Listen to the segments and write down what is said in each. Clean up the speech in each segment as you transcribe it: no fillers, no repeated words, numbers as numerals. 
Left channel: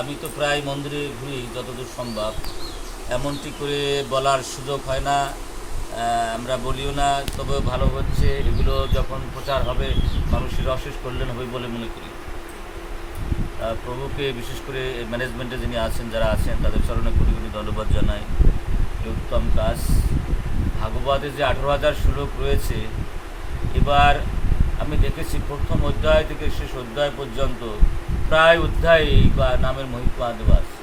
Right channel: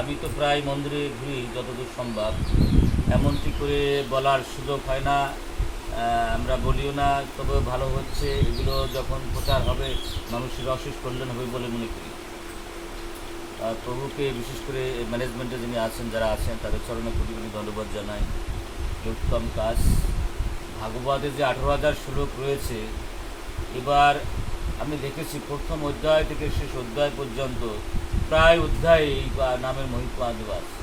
আমি তো প্রায় মন্দিরে ঘুরি যতদূর সম্ভব, এমনটি করে বলার সুযোগ হয় না। আমরা বলিও না, তবে ভালো হচ্ছে এগুলো যখন প্রচার হবে মানুষের অশেষ কল্যাণ হবে বলে মনে করি। প্রভুকে বিশেষ করে ম্যানেজমেন্টে যিনি আছেন, যারা আছেন তাদের চরণে কোটি কোটি ধন্যবাদ জানাই। এই উত্তম কাজ। ভাগবতে যে 18,000 শ্লোক রয়েছে, এবার আমি দেখেছি প্রথম অধ্যায় থেকে শেষ অধ্যায় পর্যন্ত প্রায় অধ্যায় বা নামের মহিমা দেওয়া আছে।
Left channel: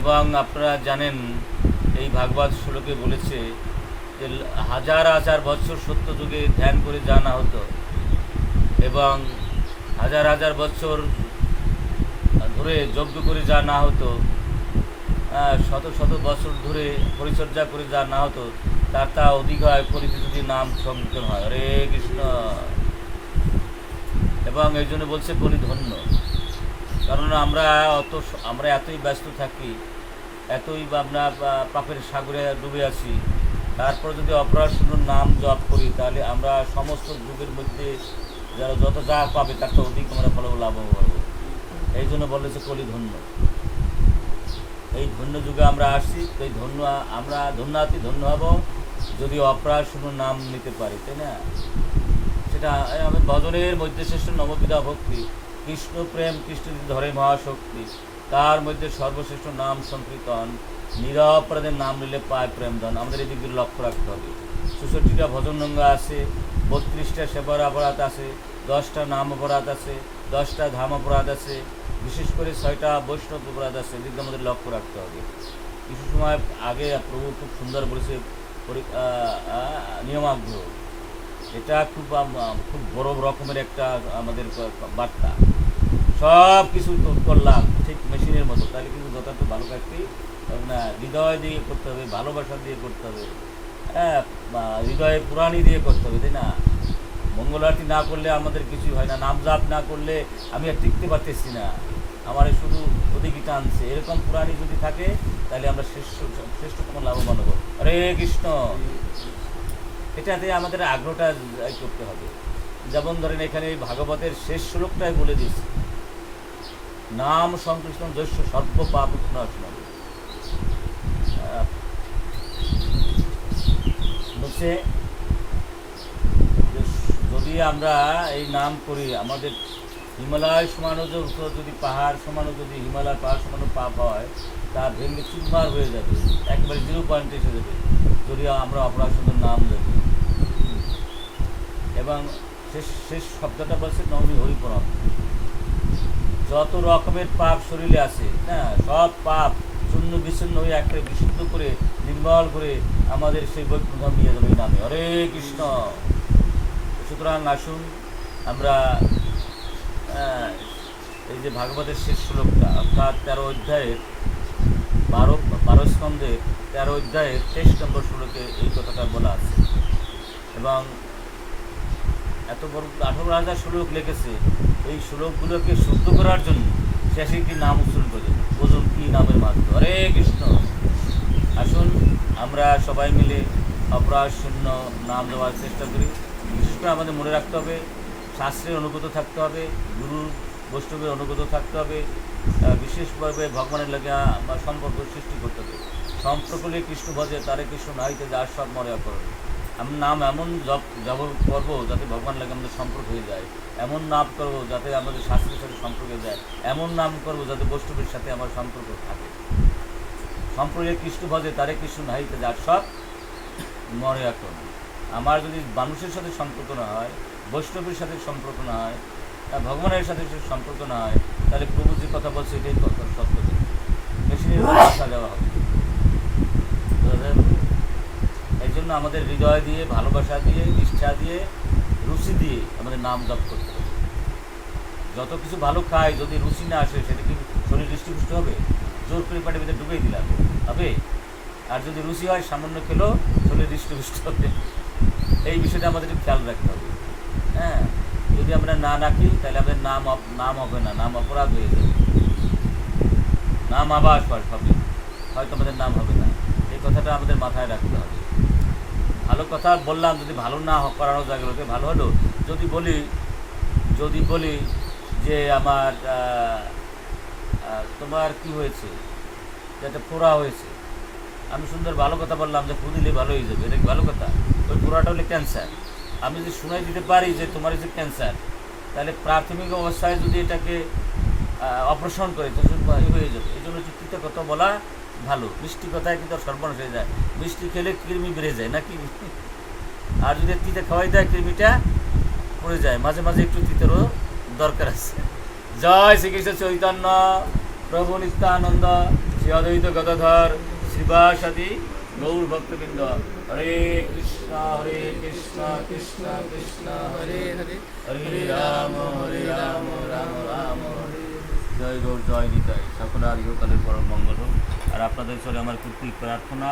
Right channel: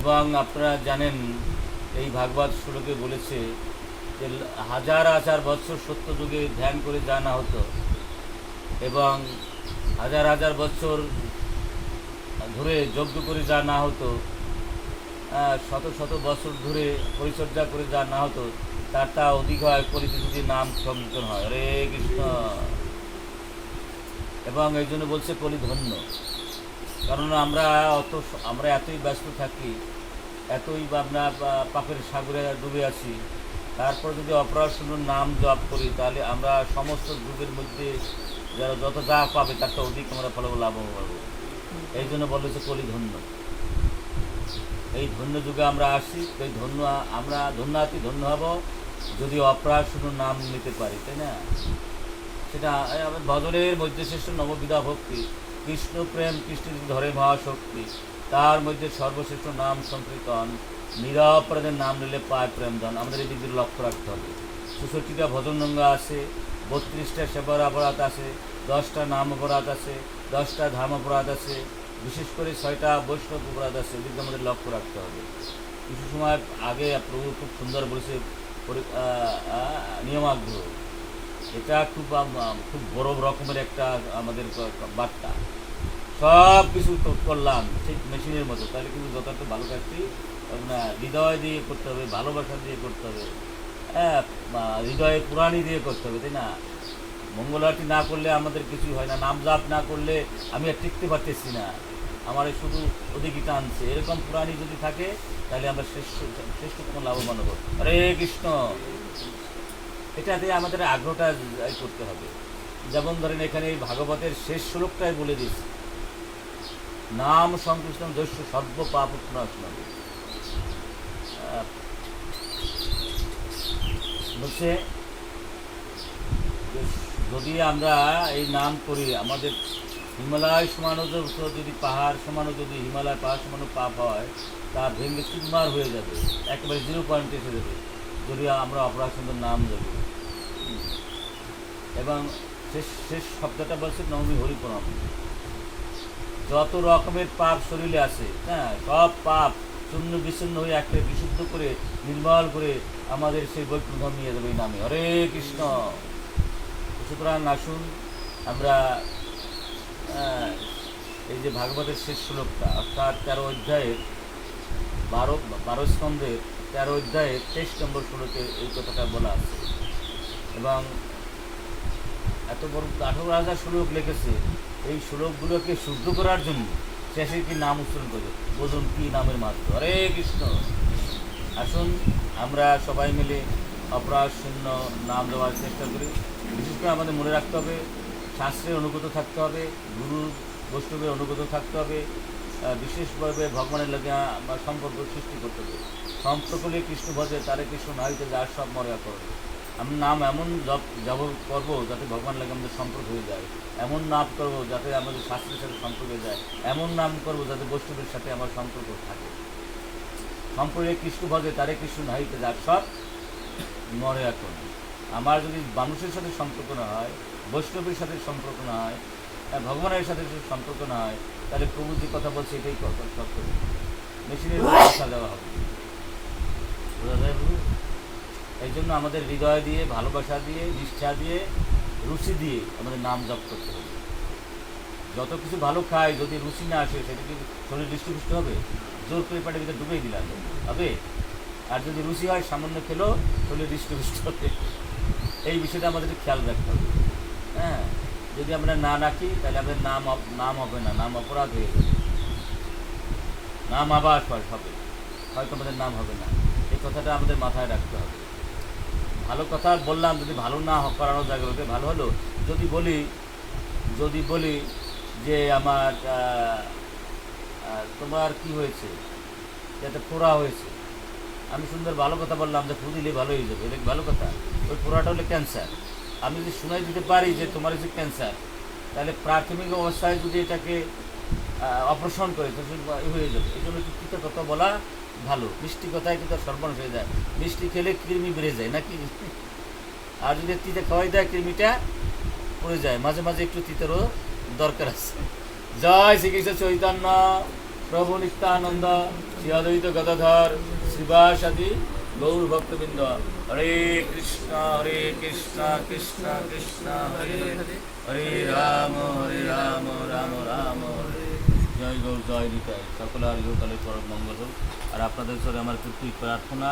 এবং আপনারা জানেন এই ভাগবত শ্লোকে বলেছে যে হাজার হাজার বছর সত্য যুগে ধ্যান করে জানা হতো এবং হাজার হাজার বছর ধরে যজ্ঞ করে যা না হতো, শত শত বছর ধরে পরিচর্যা করে যা না হতো, তার তা অধিক হয় পরিচিত যদি নাম সংকীর্তন হয়। হরে কৃষ্ণ। এবং এই জন্য বলছে কলি ধন্য, কারণ আমরা এতই ব্যস্ত থাকি, এতই আমরা পাপের সাগরে ডুবে আছি, তারপর যদি অপরাশূন্য নাম জপ করি তাহলে আমরা সমস্ত যুগের মধ্যে যারা যত যা পাবে তার তো অধিক আমরা ফলাফল লাভ পাবো। এই জন্য বলেছে কলি ধন্য। এই ধন্য যুগে আমরা আসছি, এই আমরা ধন্য হব যদি অপরাশূন্য নাম নিতে পারি, তাই না? সেটা আমাদের ভজনের মধ্যে শ্রেষ্ঠ নববিধা ভক্তি, কৃষ্ণ প্রেম, কৃষ্ণ ধরে মহাশক্তি, তার মধ্যে সর্বশ্রেষ্ঠ নাম সংকীর্তন, নিরপরাধের নাম নিলে পায় প্রেমধন। আমাদের এই দিকগুলো লক্ষ্য রাখতে হবে। 64টা ভজন রঙ্গা আছে, 32টা সেবার অপরাধ আছে, 10টা নাম অপরাধ আছে, 10টা ধাম অপরাধ আছে, বিশেষ করে 6টা বৈষ্ণব অপরাধ আছে। এদিকে আমাদের লক্ষ্য রাখতে হবে। কিছু সময় আগে প্রভু খুব সুন্দর বলেছে নিয়মাগ্রহ। এটা খুব বড় রকমের একটা আমাদের বার্তা। সব কিছু করলাম ঠিক মেশিনের মতো, তাহলে কিন্তু যথার্থ ভালো কাজটি না। হৃদয় দিয়ে করতে হবে, ভালোবাসা দিয়ে করতে হবে, হৃদয়ে পুরাণী দিয়ে করতে হবে, তাই না? মঙ্গল আরতি না করলে আমাদের কিছু হয় না, নাম জাপ না করলে আমি আর টিকতে পারতেছি না, আমার শুধু ওদিকে টানছে। এরকম পুরাণী যদি থাকে তাহলে আমরা শ্রেষ্ঠতম লাভবান হব। হরে কৃষ্ণ। এটাতে আমাদের আগ্রহটা করতে হবে। যেমন ধরেন এখানে এই ভাগবতের শেষ শ্লোকটাই বলে দিচ্ছি, নাম সংকীর্তন দস্য সর্ব পাপ নাশনামি। হচ্ছে যদি আমরা এই নাম করি, আমাদের হিমালয় সমানও যদি পাহাড় সমানও যদি হিমালয় পাহাড় সমানও পাপ হয়, তা ভেঙে চুরমার হয়ে যাবে, একেবারে 0 পয়েন্টে এসে যাবে যদি আমরা অপরাধের নাম দেব। এবং শেষ শব্দটা বলছে নবমী হরিপ্রণাম। যত রকমের পাপ শরীরে আছে, হ্যাঁ, সব পাপ শূন্য বিচ্ছিন্ন হয়ে একটা বিশুদ্ধ করে নির্মল করে আমাদের সেই বৈকুণ্ঠ নিয়ে যাবে এই নামে। হরে কৃষ্ণ। সুতরাং আসুন আমরা এই যে ভাগবতের শেষ শ্লোকটা, অর্থাৎ 13 অধ্যায়ের 12 স্কন্ধের 13 অধ্যায়ের 23 নম্বর শ্লোকে এই কথাটা বলা আছে। এবং এত বড় 18,000 শ্লোক লিখেছে। এই শ্লোকগুলোকে শুদ্ধ করার জন্য শেষে কি নাম উচ্চারণ করে বোঝুন কি নামের মাধ্যমে। হরে কৃষ্ণ। আসুন আমরা সবাই মিলে অপরাধ শূন্য নাম দেওয়ার চেষ্টা করি। বিশেষ করে আমাদের মনে রাখতে হবে শাস্ত্রের অনুগত থাকতে হবে, গুরু বৈষ্ণবের অনুগত থাকতে হবে, বিশেষভাবে ভগবানের লাগে সম্পর্ক সৃষ্টি করতে হবে। সম্পর্কলে কৃষ্ণ ভজে তারে কৃষ্ণ নাহিতে যার সব মর্যাদা করবে। আমি নাম এমন জপ করবো যাতে ভগবান লাগে আমাদের সম্পর্ক হয়ে যায়, এমন নাম করবো যাতে আমাদের শাস্ত্রের সাথে সম্পর্ক হয়ে যায়, এমন নাম করবো যাতে বৈষ্ণবের সাথে আমার সম্পর্ক থাকে। সম্পর্কে কৃষ্ণ ভজে তারে কৃষ্ণ নাহিতে যার সব মর্যাদা করবে। আমার যদি মানুষের সাথে সম্পর্ক না হয়, বৈষ্ণবের সাথে সম্পর্ক না হয়, ভগবানের সাথে সম্পর্ক না হয়, তাহলে প্রভু যে কথা বলছে এটাই সত্য, মেশিনের কথা দেওয়া হবে। এই জন্য আমাদের হৃদয় দিয়ে, ভালোবাসা দিয়ে, ইচ্ছা দিয়ে, রুচি দিয়ে আমাদের নাম জপ করতে হবে। যত কিছু ভালো খাই, যদি রুচি না আসে সেটা কি শরীর হৃষ্টপুষ্ট হবে? জোর করে পেটের ভিতরে ঢুকেই দিলাম হবে। আর যদি রুচি হয়, সামান্য খেলেও শরীর হৃষ্টপুষ্ট হবে। এই বিষয়টা আমাদের খেয়াল রাখতে হবে। হ্যাঁ, যদি আমরা না রাখি তাহলে আমাদের নাম হবে না, নাম অপরাধ হয়ে যাবে, নাম আবাস হবে, হয়তো আমাদের নাম হবে না। এই কথাটা আমাদের মাথায় রাখতে হবে। ভালো কথা বললাম, যদি ভালো না করানো জায়গাগুলোকে ভালো হলো। যদি বলি যে আমার তোমার কি হয়েছে, যাতে ফোড়া হয়েছে, আমি সুন্দর ভালো কথা বললাম যে ফু দিলে ভালো হয়ে যাবে, এটা কি ভালো কথা? ওই ফোড়াটা হলে ক্যান্সার। আমি যদি শুনাই দিতে পারি যে তোমার হচ্ছে ক্যান্সার, তাহলে প্রাথমিক অবস্থায় যদি এটাকে অপারেশন করে তো হয়ে যাবে। এই জন্য তিতা কথা বলা ভালো, মিষ্টি কথায় কিন্তু সর্বনাশ হয়ে যায়। মিষ্টি খেলে কৃমি বেড়ে যায় নাকি, আর যদি তিতা খাওয়াই দেয় কৃমিটা পড়ে যায়। মাঝে মাঝে একটু তিতারও দরকার আছে। জয় শ্রীকৃষ্ণ চৈতন্য প্রভু নিত্যানন্দ শ্রী অদ্বৈত গদাধর শ্রীবাসাদি গৌর ভক্তবৃন্দ। হরে কৃষ্ণ কৃষ্ণ কৃষ্ণ হরে হরে, হরে রাম রাম রাম হরে। জয় গৌর, জয় নিতাই। সকলে আর ইহকালের পরম মঙ্গল হোক। আর আপনাদের সঙ্গে আমার কুটকুট প্রার্থনা